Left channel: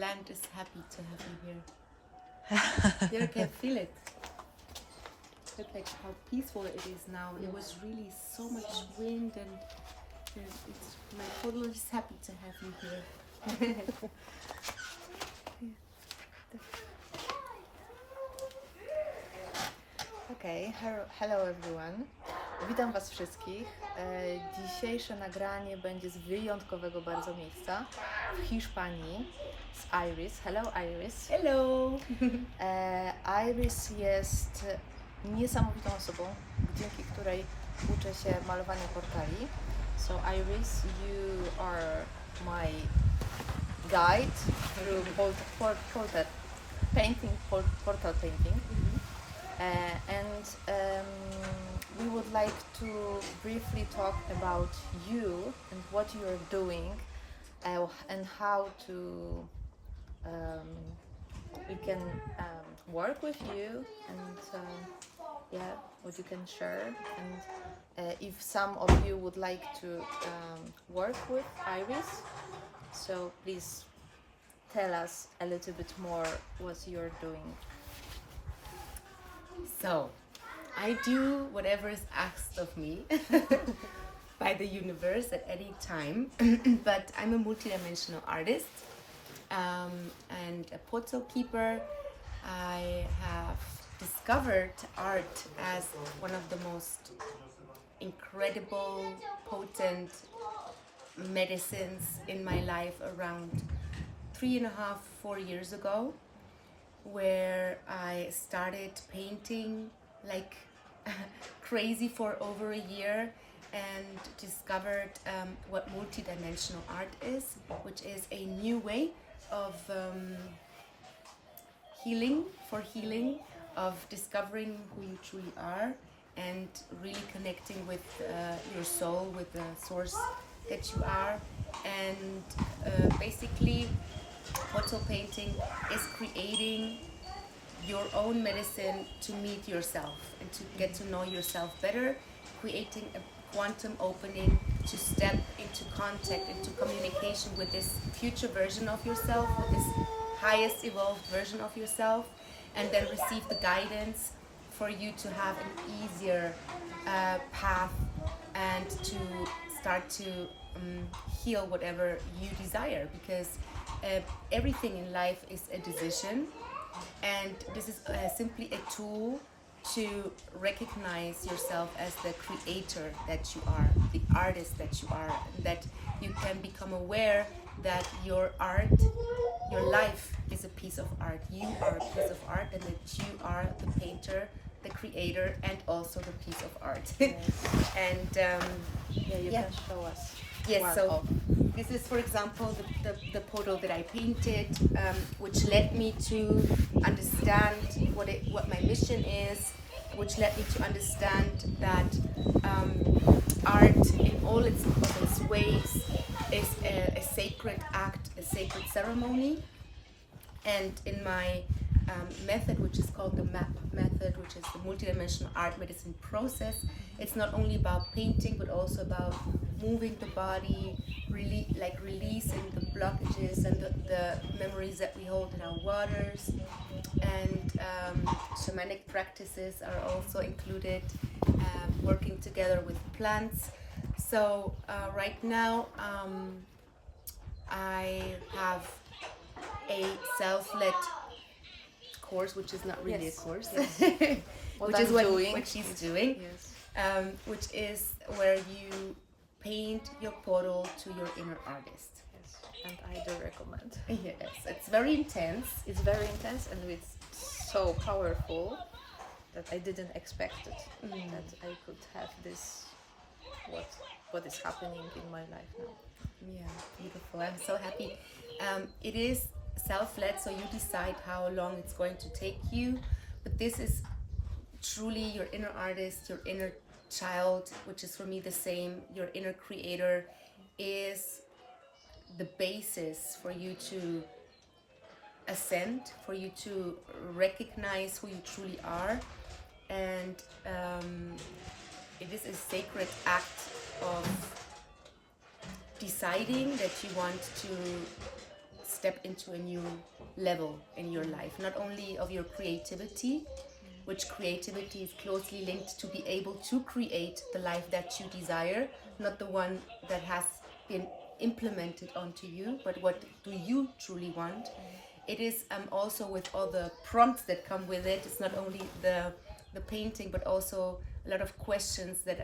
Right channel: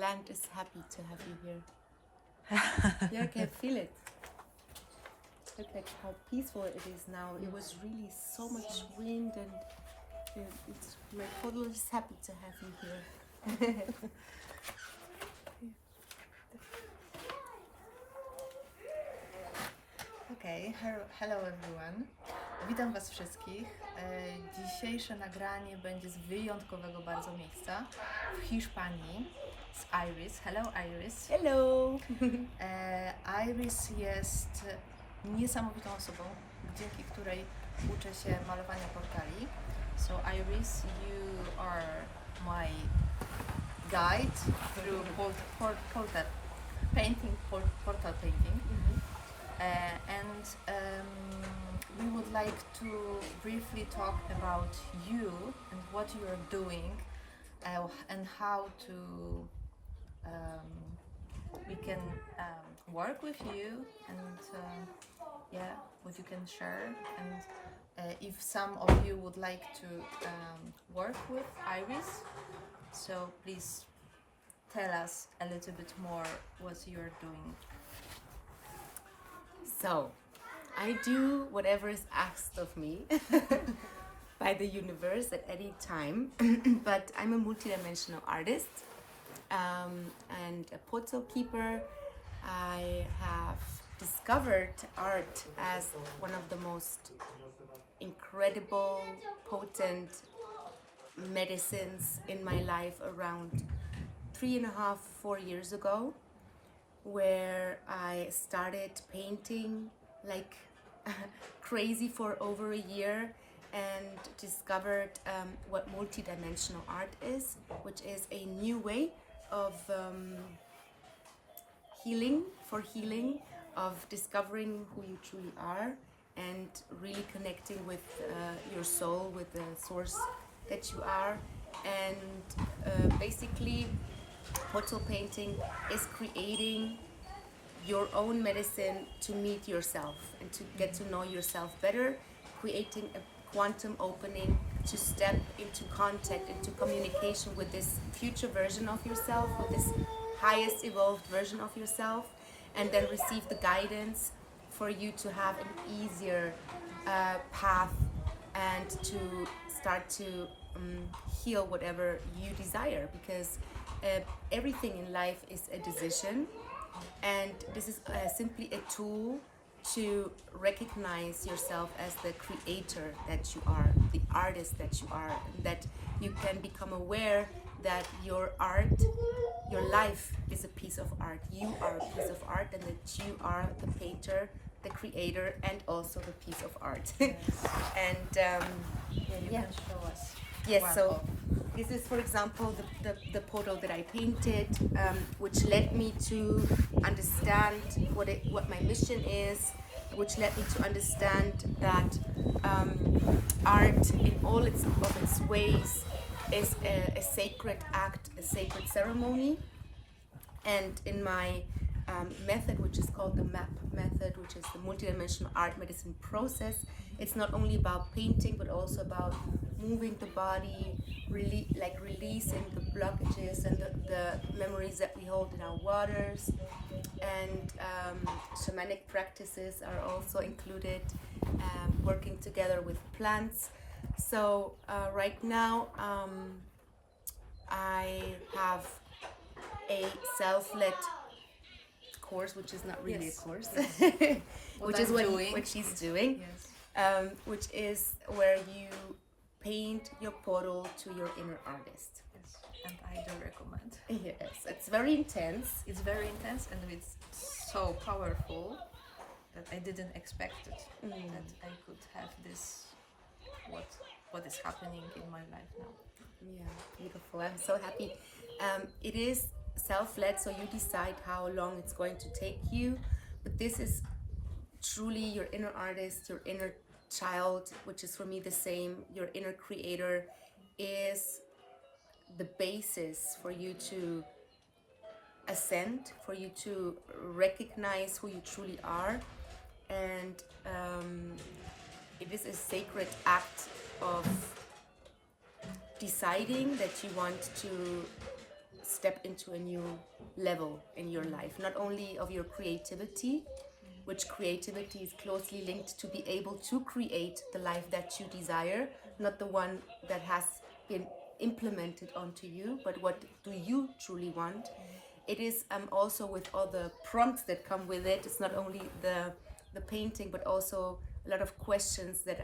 land is happy to have you here. You can feel it. Look like how peaceful it is now. It was really so much wind, and my Portalu is happy to have you here. Okay, hello everyone. Witam Was wszystkich. Dzisiejsze nagranie będzie z wyjątkowego bardzo miejsca w Hiszpanii, z Iris. Hello Iris. Hello! Iris jest niesamowitą osobą, dzięki której uczę się malowania portali. So Iris, you are my guide through portal painting. We would like to briefly talk about you and what you are doing, and how to we can work with you, and what you can share, and if some of you would like to work with Iris, so please tell us a little bit more what you're doing. So, I do whatever is asked of me by the universe at any time, but I'm a multidimensional artist and a portal keeper. I have discovered art as one of the most incredible, potent medicines in my life around 3.5, 4 years ago, where I started painting like crazy for over a year and discovered what multidimensional art is, which is a new way of healing, of discovering who you truly are and really connecting with your soul, with the source that you are. And basically portal painting is creating your own medicine to meet yourself and to get to know yourself better, creating a quantum opening to step into contact, into communication with this future version of yourself, with this highest evolved version of yourself, and then receive the guidance for you to have an easier path and to start to heal whatever you desire, because everything in life is a decision, and this is simply a tool to recognize yourself as the creator that you are, the artist that you are, and that you can become aware that your art, your life is a piece of art. You are a piece of art, and that you are the painter, the creator, and also the piece of art. Yes. And You can show us. yes, so this is, for example, the portal that I painted, which led me to understand what my mission is, which led me to understand that art in all its ways is a sacred act, a sacred ceremony. And in my method, which is called the MAP method, which is the multidimensional art medicine process, it's not only about painting but also about moving the body, releasing the blockages and the memories that we hold in our waters. And shamanic practices are also included, working together with plants. So right now I have a self-led course, which is not really a course, which is what she's doing, which is where you paint your portal to your inner artist. Yes, and I do recommend. Yes, it's very intense. It's very intense, and it's so powerful that I didn't expect it. That I could have this, what is happening in my life now. Yeah, beautiful. I'm so happy. It is self-led, so you decide how long it's going to take you, but this is truly your inner artist, your inner child, which is for me the same. Your inner creator is the basis for you to ascend, for you to recognize who you truly are. And it is a sacred act of deciding that you want to step into a new level in your life, not only of your creativity, which creativity is closely linked to be able to create the life that you desire, not the one that has been implemented onto you, but what do you truly want. It is also with all the prompts that come with it. It's not only the painting, but also a lot of questions that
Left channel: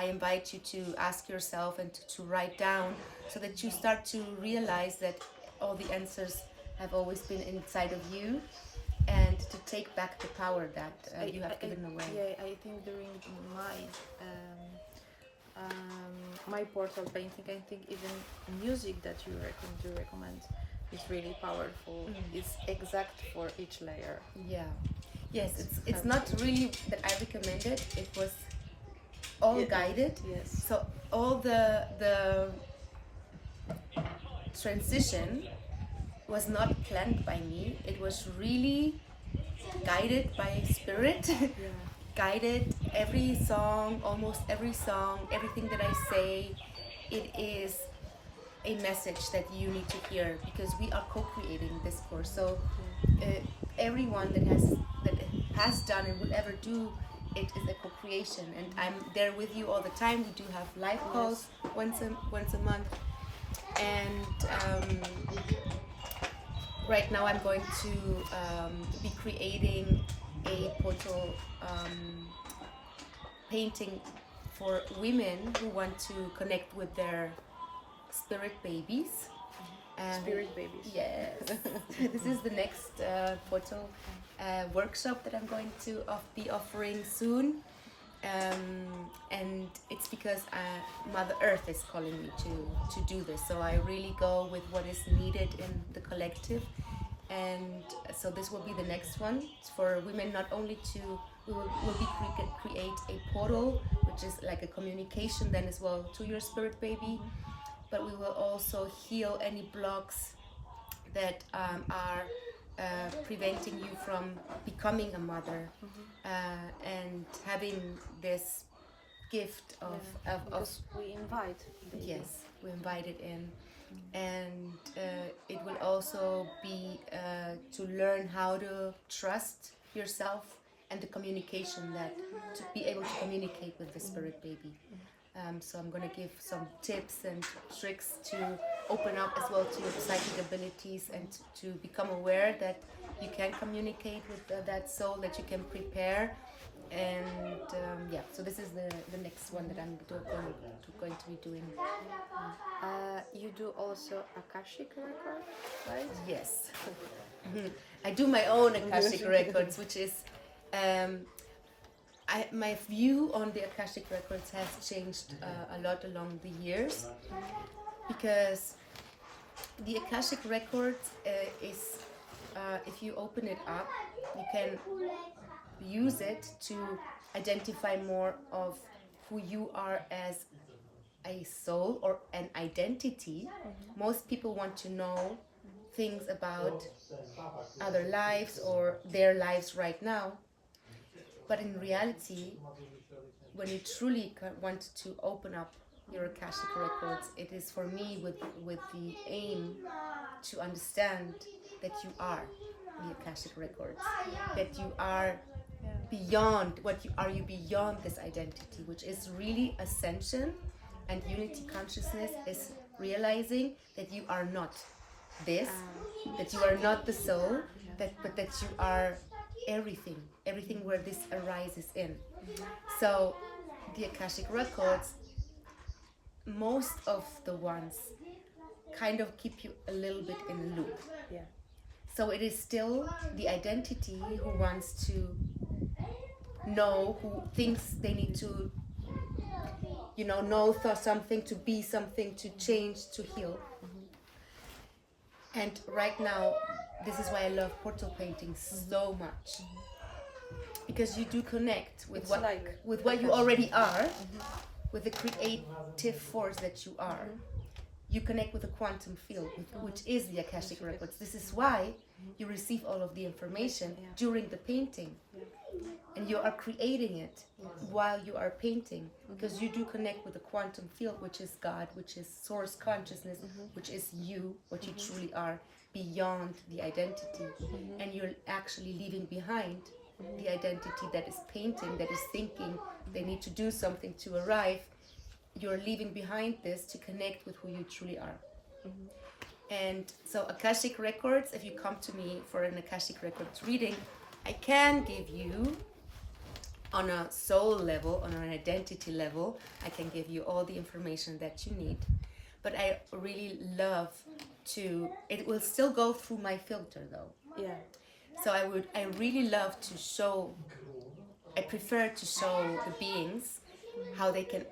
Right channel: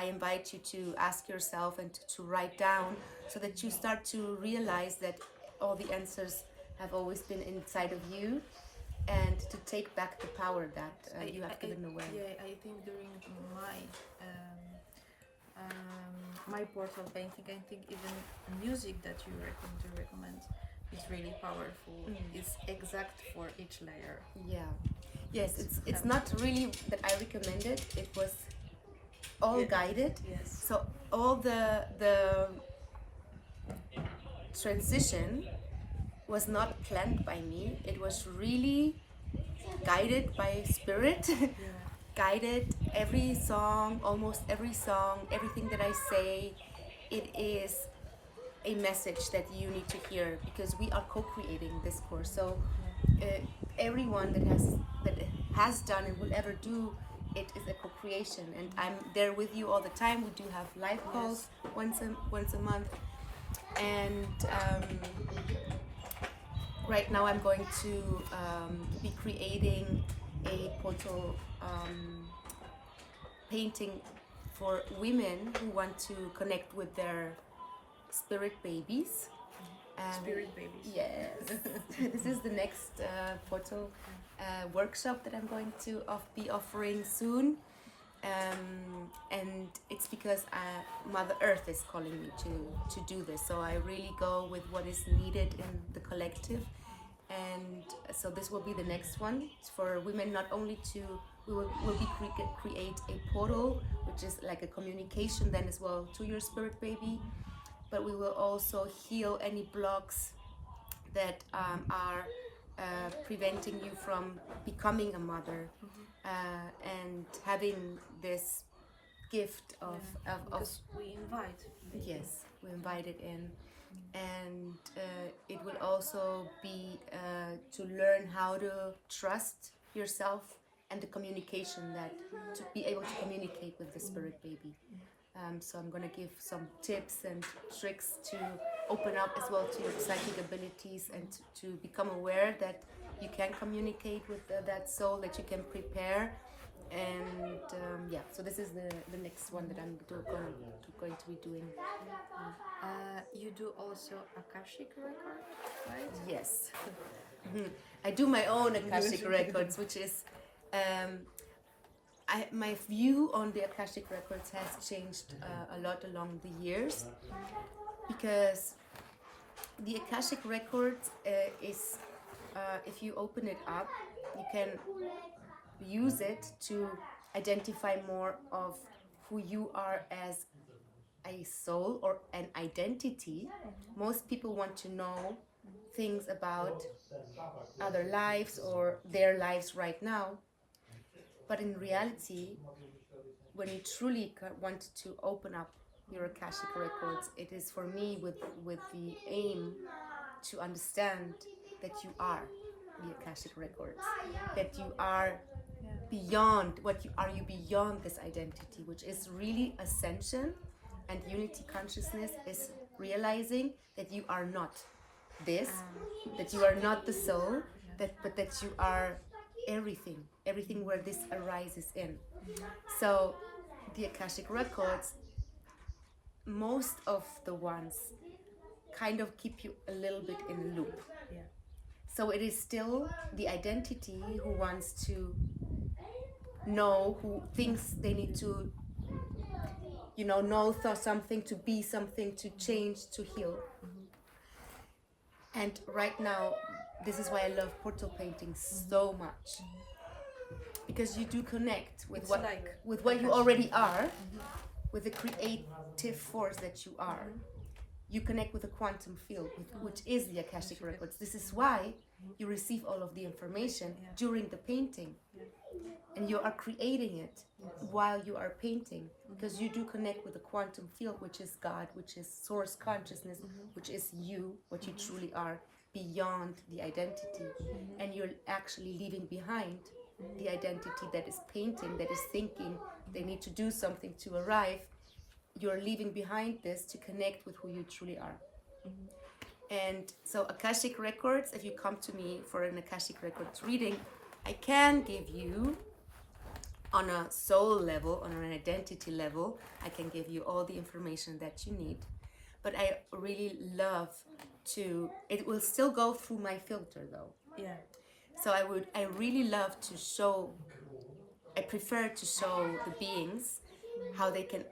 I invite you to ask yourself and to write down, so that you start to realize that all the answers have always been inside of you, and to take back the power that you have given away. Yeah, I think during my portal painting, I think even music that you recommend is really powerful. It's exact for each layer. Yeah. Yes, it's not really that I recommend it. It was all guided. Yes. So all the transition was not planned by me. It was really guided by spirit. Yeah. Guided every song, almost every song, everything that I say. It is a message that you need to hear, because we are co-creating this course. So everyone that has done and will ever do it is a co-creation, and I'm there with you all the time. We do have live calls once a month, and right now I'm going to be creating a portal painting for women who want to connect with their spirit babies. Spirit babies. Yes. This is the next portal workshop that I'm going to be offering soon. And it's because Mother Earth is calling me to do this. So I really go with what is needed in the collective. And so this will be the next one. It's for women, not only we will create a portal, which is like a communication then as well to your spirit baby. But we will also heal any blocks that are preventing you from becoming a mother, and having this gift of we invite. Yes, we invite it in. And it will also be to learn how to trust yourself and the communication, that to be able to communicate with the spirit baby. So I'm going to give some tips and tricks to open up as well to your psychic abilities, and to become aware that you can communicate with that soul, that you can prepare. And so this is the next one that I'm going to be doing. You do also Akashic record, right? Yes. I do my own Akashic records, which is my view on the Akashic records has changed a lot along the years, because the Akashic records is if you open it up, you can use it to identify more of who you are as a soul or an identity. Most people want to know things about other lives or their lives right now. But in reality, when you truly want to open up your Akashic records, it is for me with the aim to understand that you are the Akashic records, that you are beyond you beyond this identity, which is really ascension. And unity consciousness is realizing that you are not this, that you are not the soul, but that you are everything where this arises in. So the Akashic records, most of the ones kind of keep you a little bit in a loop. Yeah. So it is still the identity who wants to know, who thinks they need to know something, to be something, to change, to heal. And right now, this is why I love portal painting so much, because you do connect with what you already are, with the creative force that you are, you connect with the quantum field, which is the Akashic records. This is why you receive all of the information during the painting. And you are creating it while you are painting, because you do connect with the quantum field, which is God, which is source consciousness, which is you, what you truly are, beyond the identity. And you're actually leaving behind the identity that is painting, that is thinking they need to do something to arrive. You're leaving behind this to connect with who you truly are. And so Akashic records, if you come to me for an Akashic records reading, I can give you on a soul level, on an identity level, I can give you all the information that you need. But I really love to, it will still go through my filter though. Yeah. So I really love to show, I prefer to show the beings how they can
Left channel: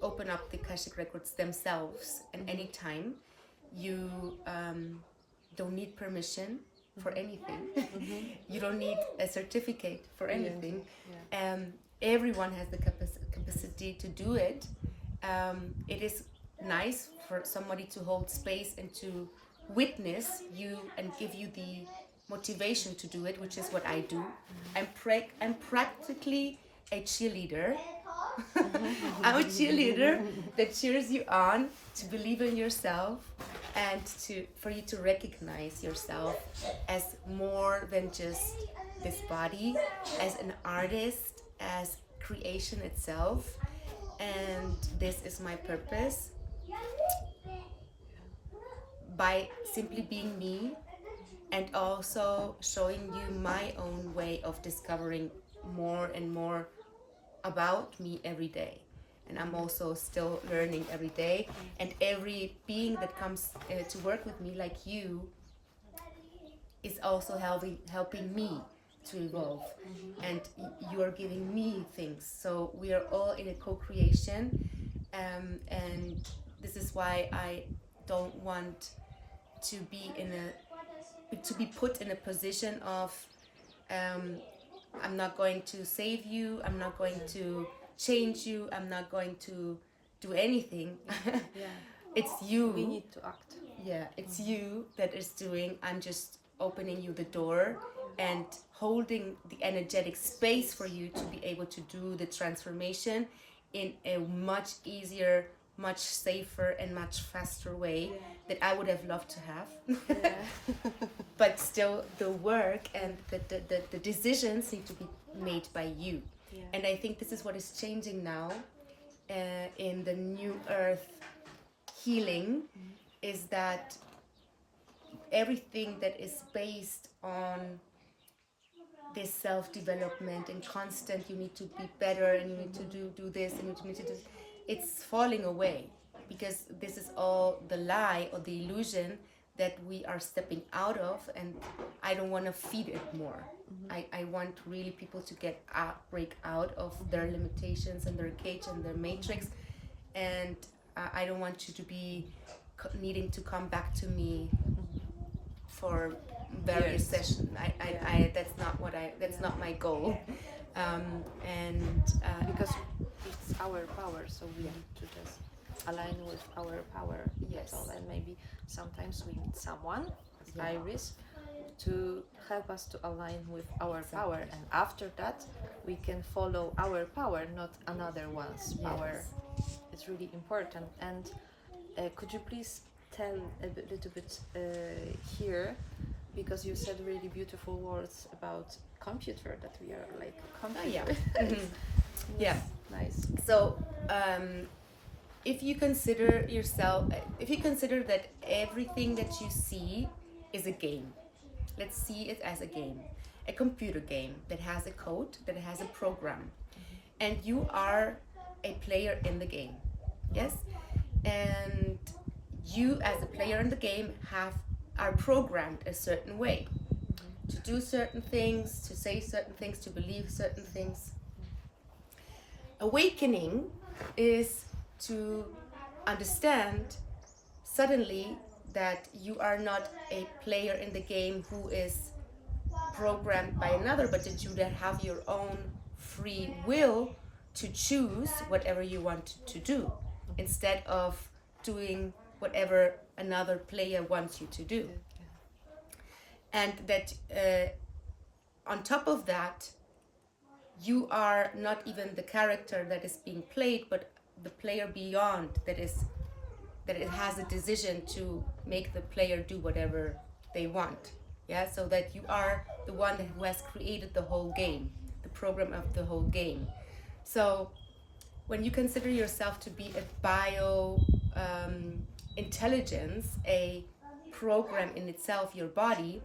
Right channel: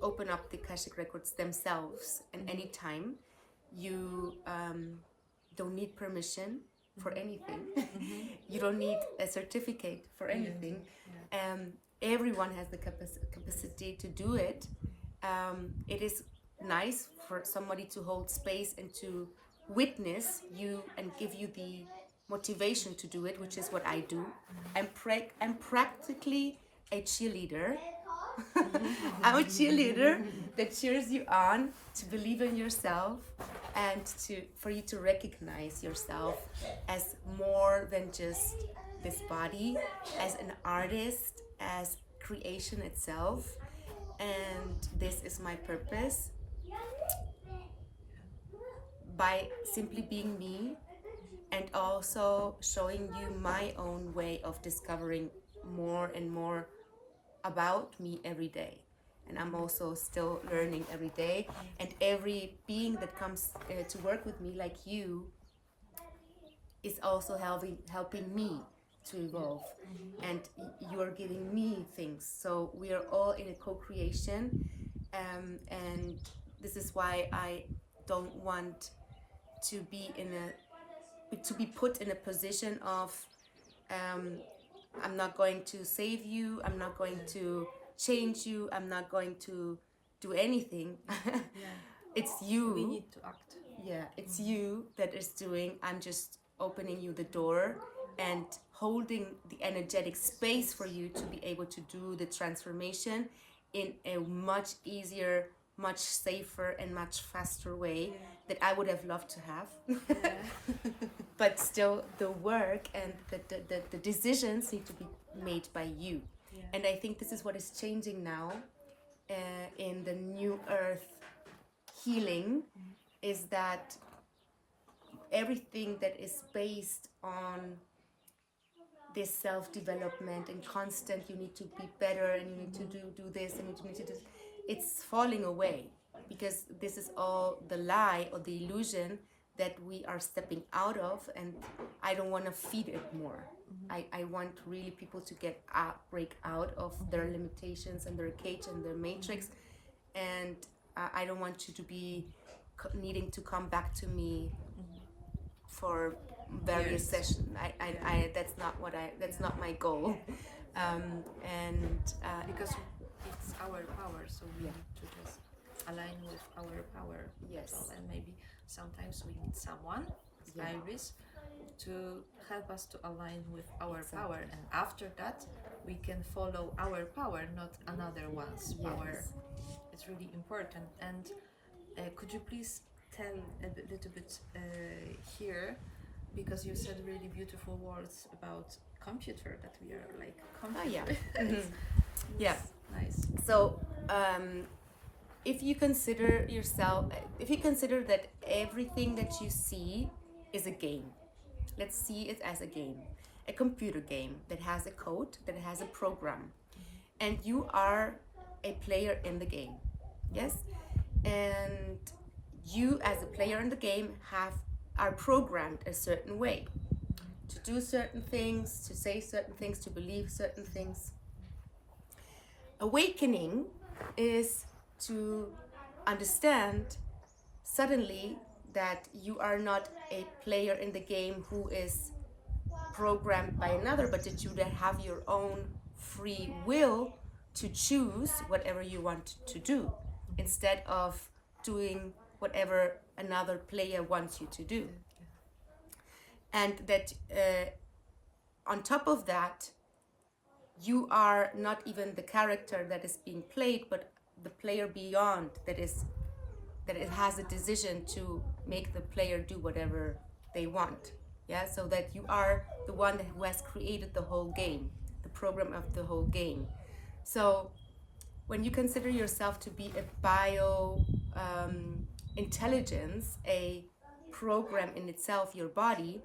open up the Akashic records themselves. And anytime you don't need permission for anything. You don't need a certificate for anything. Everyone has the capacity to do it. It is nice for somebody to hold space and to witness you and give you the motivation to do it, which is what I do. I'm practically a cheerleader. I'm a cheerleader that cheers you on to believe in yourself and for you to recognize yourself as more than just this body, as an artist, as creation itself. And this is my purpose. By simply being me and also showing you my own way of discovering more and more about me every day. And I'm also still learning every day. And every being that comes to work with me, like you, is also helping me to evolve. And you are giving me things. So we are all in a co-creation. And this is why I don't want to be put in a position of I'm not going to save you, I'm not going to change you, I'm not going to do anything. It's you. We need to act. Yeah, it's you that is doing. I'm just opening you the door and holding the energetic space for you to be able to do the transformation in a much easier, much safer and much faster way that I would have loved to have. But still the work and the decisions need to be made by you. And I think this is what is changing now in the new earth healing, is that everything that is based on this self-development and constant, you need to be better and you need to do this and you need to do this, it's falling away, because this is all the lie or the illusion that we are stepping out of, and I don't want to feed it more. I want really people to break out of their limitations and their cage and their matrix, and I don't want you to be needing to come back to me for various sessions. That's not my goal. Because it's our power, so we need to just align with our power. Yes. And maybe sometimes we need someone, as Iris, to help us to align with our power, and after that we can follow our power, not another one's power. It's really important. And could you please tell a little bit here, because you said really beautiful words about computer, that we are like computer. Nice. So if you consider that everything that you see is a game, let's see it as a game, a computer game that has a code, that has a program, and you are a player in the game. Yes, and you as a player in the game are programmed a certain way, to do certain things, to say certain things, to believe certain things. Awakening is to understand suddenly that you are not a player in the game who is programmed by another, but that you have your own free will to choose whatever you want to do, instead of doing whatever another player wants you to do. And that on top of that, you are not even the character that is being played, but the player beyond that it has a decision to make the player do whatever they want. Yeah, so that you are the one who has created the whole game, the program of the whole game. So when you consider yourself to be a intelligence, a program in itself, your body,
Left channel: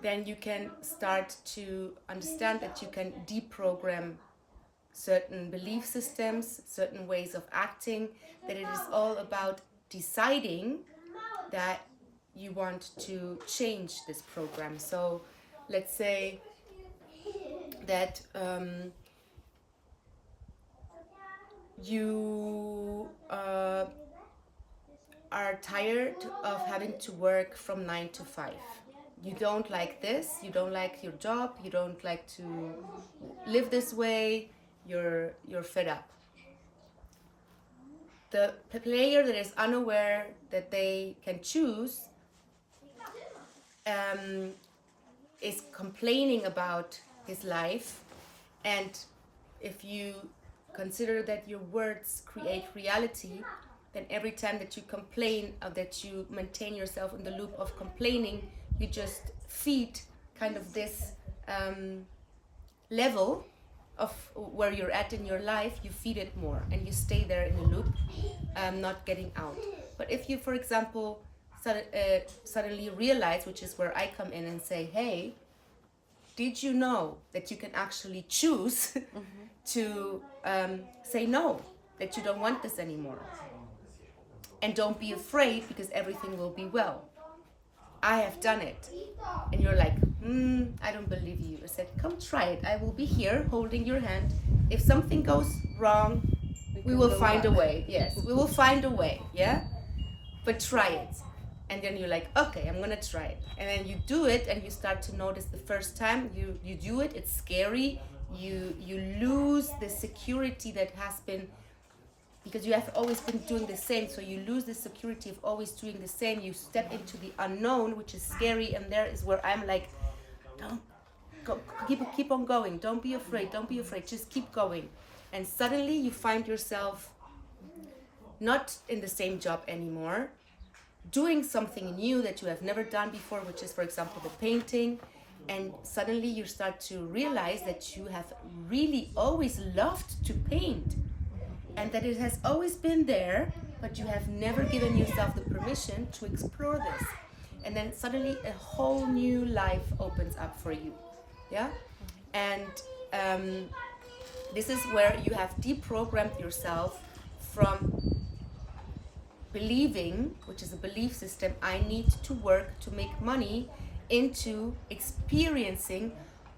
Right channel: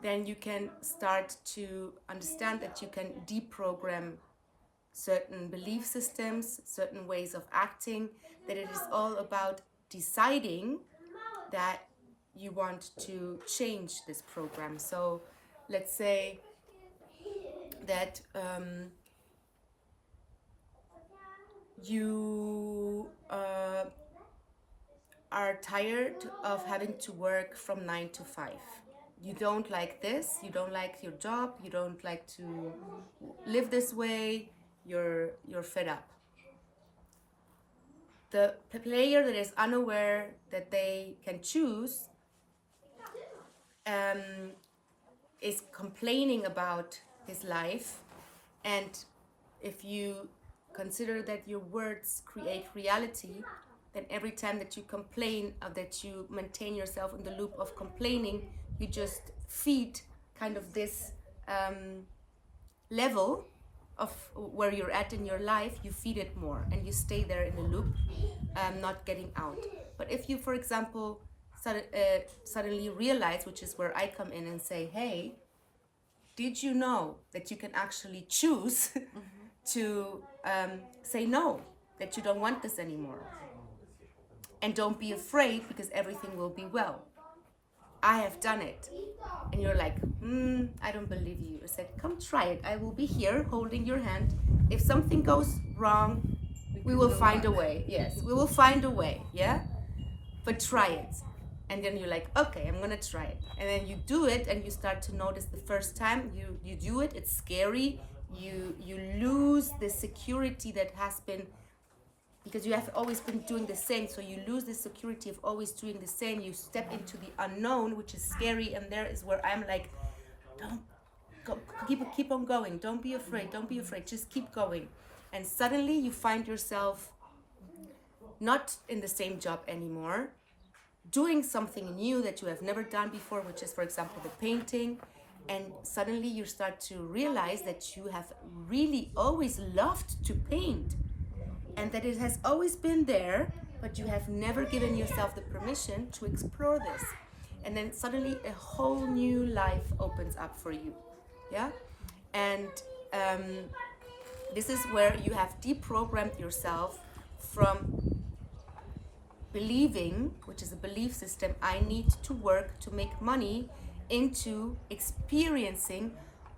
then you can start to understand that you can deprogram certain belief systems, certain ways of acting, that it is all about deciding that you want to change this program. So let's say that you are tired of having to work from 9 to 5. You don't like this, you don't like your job, you don't like to live this way, you're fed up. The player that is unaware that they can choose is complaining about his life, and if you consider that your words create reality, then every time that you complain or that you maintain yourself in the loop of complaining, you just feed kind of this level of where you're at in your life. You feed it more and you stay there in a loop, not getting out. But if you, for example, suddenly realize, which is where I come in and say, hey, did you know that you can actually choose to say no, that you don't want this anymore? And don't be afraid, because everything will be well. I have done it. And you're like, I don't believe you. I said, come try it. I will be here holding your hand. If something goes wrong, we will find a way. Yes, we will find a way. Yeah? But try it. And then you're like, okay, I'm gonna try it. And then you do it and you start to notice the first time you do it, it's scary. You lose the security that has been, because you have always been doing the same, so you lose the security of always doing the same. You step into the unknown, which is scary, and there is where I'm like, don't go, keep on going. Don't be afraid. Don't be afraid. Just keep going. And suddenly you find yourself not in the same job anymore, doing something new that you have never done before, which is, for example, the painting. And suddenly you start to realize that you have really always loved to paint, and that it has always been there, but you have never given yourself the permission to explore this. And then suddenly a whole new life opens up for you. Yeah? And this is where you have deprogrammed yourself from believing, which is a belief system, I need to work to make money, into experiencing,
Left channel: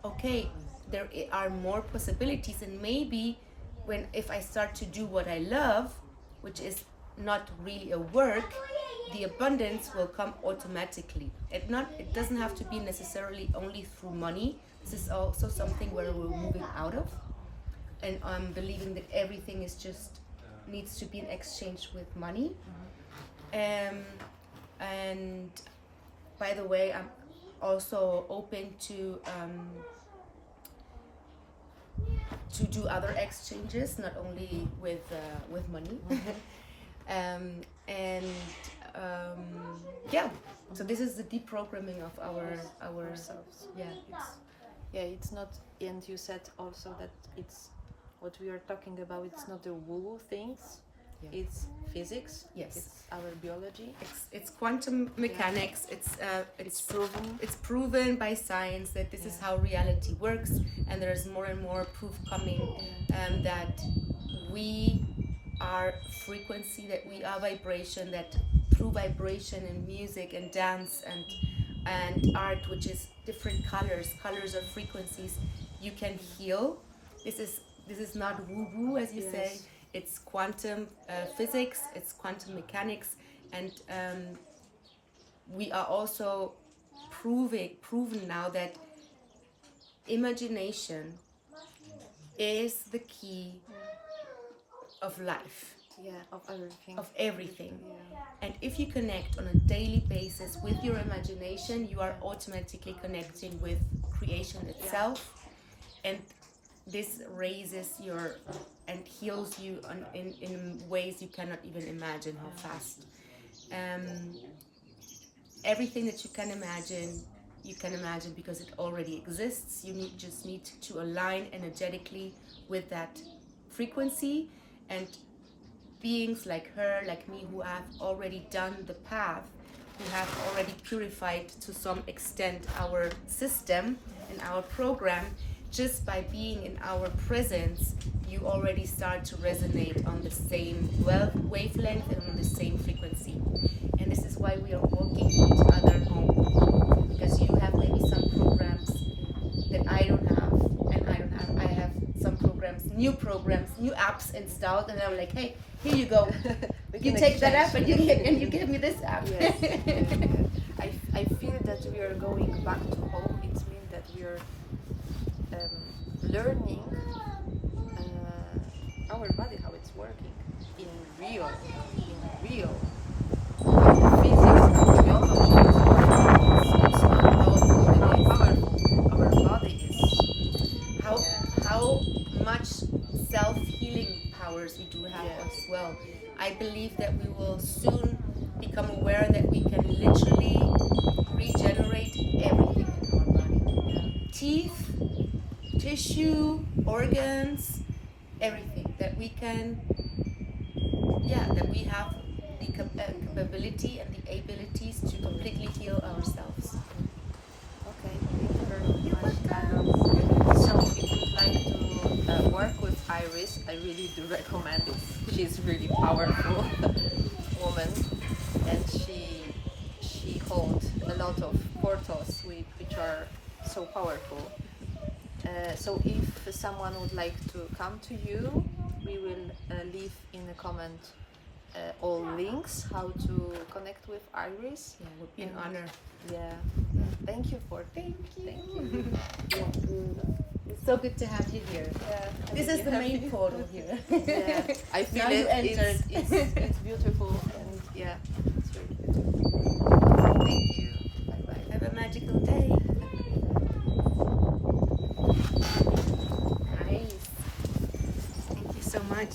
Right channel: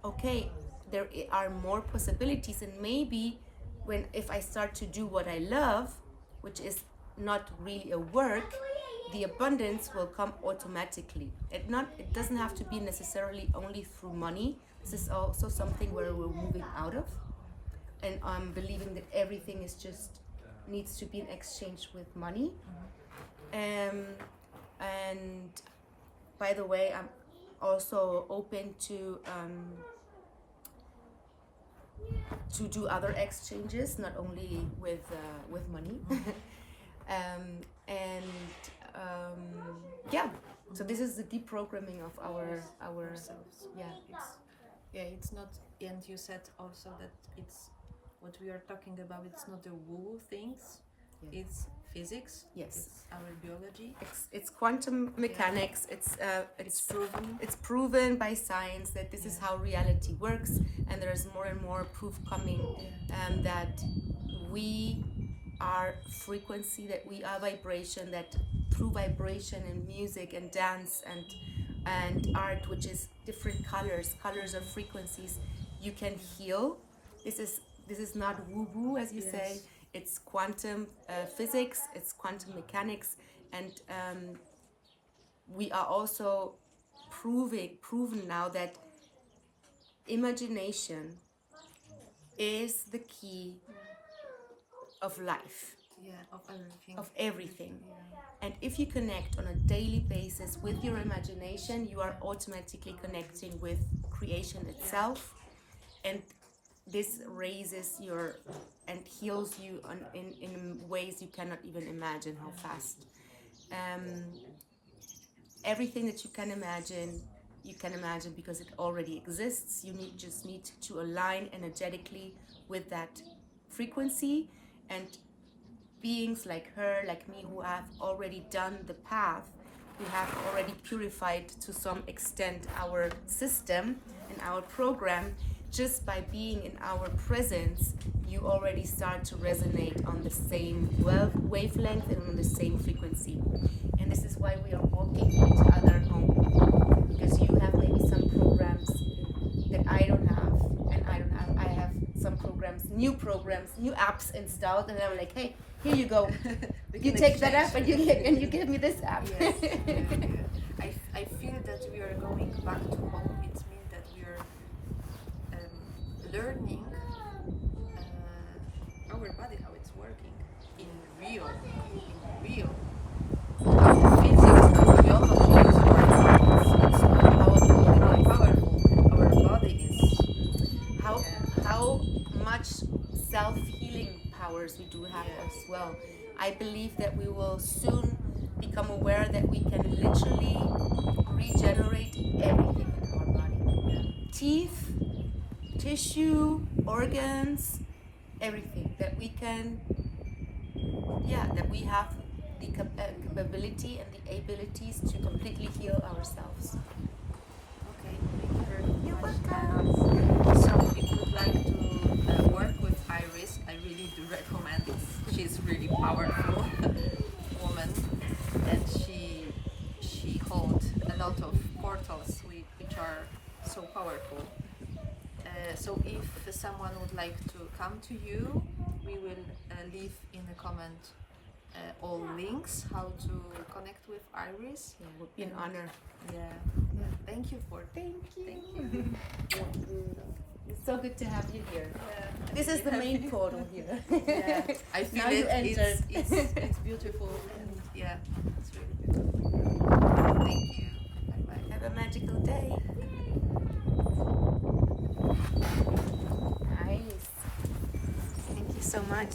okay, there are more possibilities, and maybe if I start to do what I love, which is not really a work, the abundance will come automatically. It doesn't have to be necessarily only through money. This is also something where we're moving out of, and I'm believing that everything is just needs to be in exchange with money. And by the way, I'm also open to do other exchanges, not only with money. So this is the deprogramming of our ourselves. It's not, and you said also that it's what we are talking about, it's not the woo things, it's physics. Yes, it's our biology. It's quantum mechanics. It's proven. It's proven by science that this is how reality works, and there's more and more proof coming that we are frequency, that we are vibration, that through vibration and music and dance and art, which is different colors are frequencies, you can heal. This is not woo-woo, as you say. It's quantum physics, it's quantum mechanics, and we are also proven now that imagination is the key of life. of everything. of everything. Yeah. And if you connect on a daily basis with your imagination, you are automatically connecting with creation itself. And this raises your and heals you in ways you cannot even imagine how fast. Everything that you can imagine because it already exists. You just need to align energetically with that frequency, and beings like her, like me, who have already done the path, who have already purified to some extent our system and our program, just by being in our presence, you already start to resonate on the same wavelength and on the same frequency. And this is why we are walking each other home, because you have maybe some programs that I don't have, and I have some new apps installed, and I'm like, hey, here you go. You take that app and you give me this app. Yes. I feel that we are going back to home. It means that we are learning our body, how it's working in real. Our body is how much self-healing powers we do have as well. I believe that we will soon become aware that we can literally regenerate everything in our body. Teeth, tissue, organs, everything that we can, that we have the capability and the abilities to completely heal ourselves. okay. Thank you very much. You're welcome. So if you'd like to work with Iris, I really do recommend it. She's really powerful woman, and she holds a lot of portals which are so powerful. So if someone would like to come to you, we will leave in a comment all links how to connect with Iris. Yeah, it would be an honor. Yeah. Thank you. Thank you. Thank you. It's so good to have you here. Yeah, This is the main portal here. Yeah, I feel Now you entered. It's beautiful, and it's really good. Thank you. Bye bye. Have a magical day. Nice. Thank you so much.